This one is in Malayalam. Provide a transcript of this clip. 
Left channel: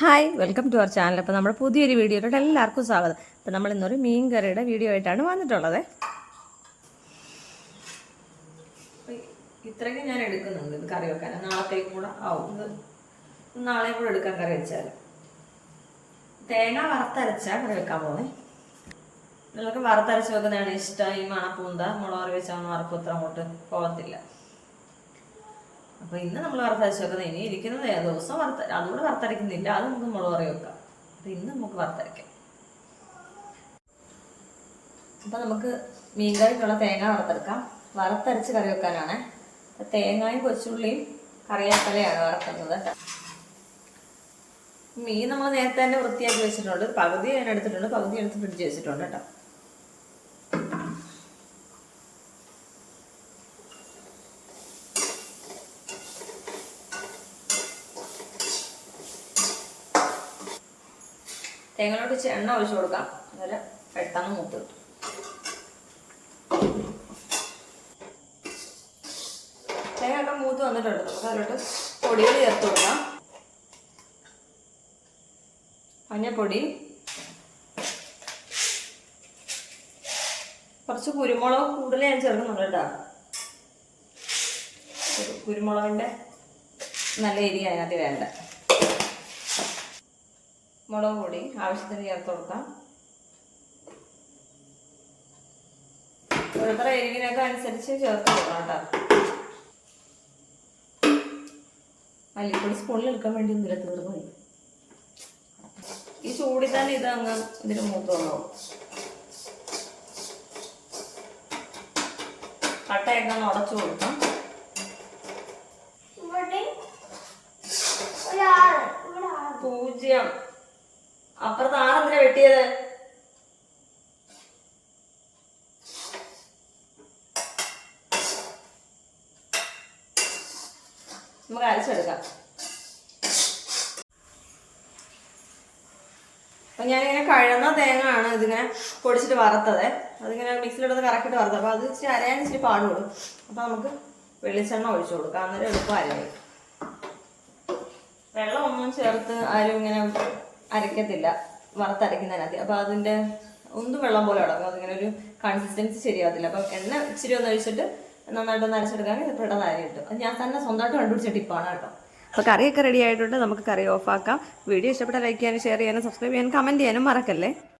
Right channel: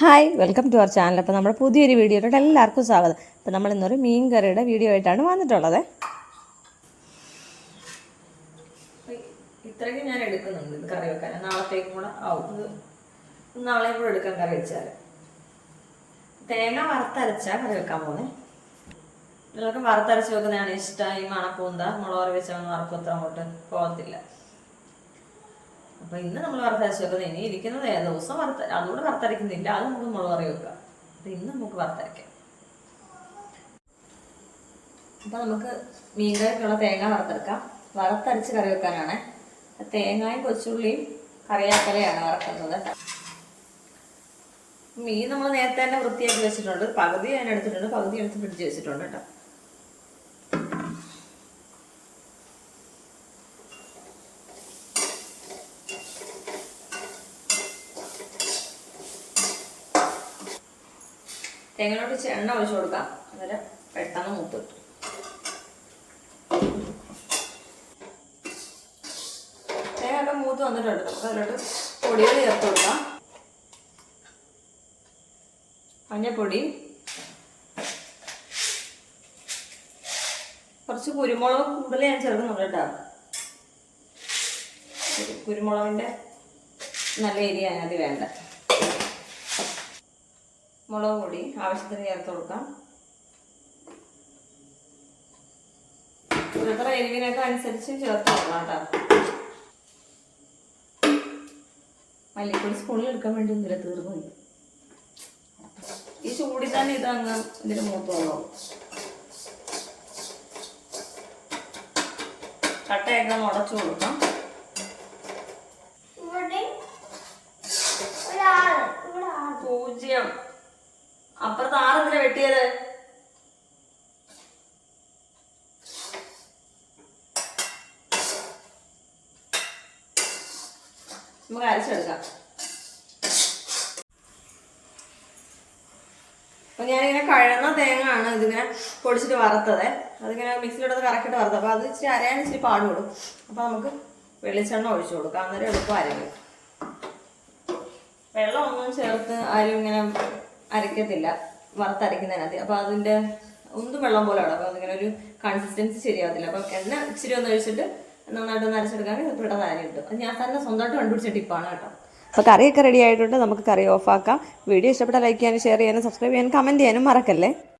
Hi, welcome to our channel. അപ്പോൾ നമ്മുടെ പുതിയൊരു വീഡിയോയിലോട്ട് എല്ലാവർക്കും സ്വാഗതം. അപ്പോൾ നമ്മൾ ഇന്നൊരു മീൻ കറിയുടെ വീഡിയോ ആയിട്ടാണ് വന്നിട്ടുള്ളത്. ഇത്രയൊക്കെ ഞാൻ എടുക്കുന്നുണ്ട് ഇത് കറി വെക്കാൻ. നാളത്തേക്കും കൂടെ ആവും. ഇത് നാളെയും കൂടെ എടുക്കാൻ കറി വെച്ചാൽ. തേങ്ങ വറുത്തരച്ചാൽ കറി വെക്കാൻ പോകുന്നത്. നിങ്ങൾക്ക് വറുത്തരച്ച് വെക്കുന്നതാണ് ഇഷ്ടം. ഈ മണപ്പൂന്ത മുളക് കറി വെച്ചാൽ വറക്കും അത്ര അങ്ങോട്ട് പോകത്തില്ല. അപ്പോൾ ഇന്ന് നമ്മൾ വറുത്തരച്ച് വെക്കുന്നത്. ഇനി ഇരിക്കുന്നത് ദിവസം അതുകൂടെ വറുത്തരയ്ക്കുന്നില്ല. അത് നമുക്ക് മുളക് കറി വെക്കാം. അപ്പോൾ ഇന്ന് നമുക്ക് വറുത്തരയ്ക്കാം. അപ്പോൾ നമുക്ക് മീൻകറിക്കുള്ള തേങ്ങ വറുത്തെടുക്കാം. വറുത്തരച്ച് കറി വെക്കാനാണ്. തേങ്ങയും കൊച്ചുള്ളിയും കറിയാക്കലയാണ് വറുക്കുന്നത്. മീൻ നമ്മൾ നേരത്തെ തന്നെ വൃത്തിയാക്കി വെച്ചിട്ടുണ്ട്. പകുതി ഞാൻ എടുത്തിട്ടുണ്ട്, പകുതി എടുത്ത് ഫ്രിഡ്ജ് വെച്ചിട്ടുണ്ട് കേട്ടോ. തേങ്ങയിലോട്ട് എണ്ണ ഒഴിച്ചു കൊടുക്കാം. അതുപോലെ പെട്ടെന്ന് മൂത്ത് കിട്ടും. തേങ്ങയൊക്കെ മൂത്ത് വന്നിട്ടുണ്ട്. നമുക്ക് അതിലോട്ട് പൊടികൾ ചേർത്ത് കൊടുക്കാം. മഞ്ഞപ്പൊടി, കുറച്ച് കുരുമുളക് കൂടുതൽ ഞാൻ ചേർക്കുന്നുണ്ട് കേട്ടോ. കുരുമുളകിൻ്റെ നല്ല എരി അതിനകത്ത് വേണ്ട. മുളക് പൊടി ആവശ്യത്തിന് ചേർത്ത് കൊടുക്കാം. ഓരോരുത്തർ എരിവിനൊക്കെ അനുസരിച്ച് ചേർത്ത് കൊടുക്കണം കേട്ടോ. മല്ലിപ്പൊടി സ്പൂണിൽ എടുക്കാൻ വേണ്ടി ഒന്നില്ല, തീർന്നു. ഈ ചൂടിൽ തന്നെ ഇതങ്ങ് ഇതിന് മൂത്ത് വന്നോ. കട്ടയൊക്കെ ഒന്ന് ഉടച്ചു കൊടുക്കാം. പൂജ്യം. അപ്പുറത്ത് ആരെന്തിനാ വെട്ടിയത്? നമുക്ക് അരച്ചെടുക്കാം. അപ്പൊ ഞാനിങ്ങനെ കഴന്ന തേങ്ങ ആണ് ഇതിങ്ങനെ പൊടിച്ചിട്ട് വറുത്തത്. അതിങ്ങനെ മിക്സിയിലെടുത്ത് കറക്കിയിട്ട് വറുത്തത്. അപ്പൊ അത് ഇച്ചിരി അരയാൻ ഇച്ചിരി പാട് കൊടുക്കും. അപ്പൊ നമുക്ക് വെളിച്ചെണ്ണ ഒഴിച്ചു കൊടുക്കാം. അന്നേരം എളുപ്പം അരയും. വെള്ളം ഒന്നും ചേർത്ത് ആരും ഇങ്ങനെ അരയ്ക്കത്തില്ല വറുത്തരയ്ക്കുന്നതിനകത്ത്. അപ്പോൾ അതിൻ്റെ ഒന്നും വെള്ളം പോലെ ഇടാം. അപ്പോൾ അതിങ്ങനെ ഒരു കൺസിസ്റ്റൻസി ശരിയാകത്തില്ല. അപ്പം എണ്ണ ഇച്ചിരി ഒന്ന് ഒഴിച്ചിട്ട് നന്നായിട്ടൊന്ന് അരച്ചെടുക്കുകയാണെങ്കിൽ പെട്ടെന്ന് അര കിട്ടും. അത് ഞാൻ തന്നെ സ്വന്തമായിട്ട് കണ്ടുപിടിച്ച ടിപ്പാണ് കേട്ടോ. അപ്പോൾ കറിയൊക്കെ റെഡി ആയിട്ടുണ്ട്. നമുക്ക് കറി ഓഫാക്കാം. വീഡിയോ ഇഷ്ടപ്പെട്ടാൽ ലൈക്ക് ചെയ്യാനും ഷെയർ ചെയ്യാനും സബ്സ്ക്രൈബ് ചെയ്യാനും കമൻറ്റ് ചെയ്യാനും മറക്കല്ലേ.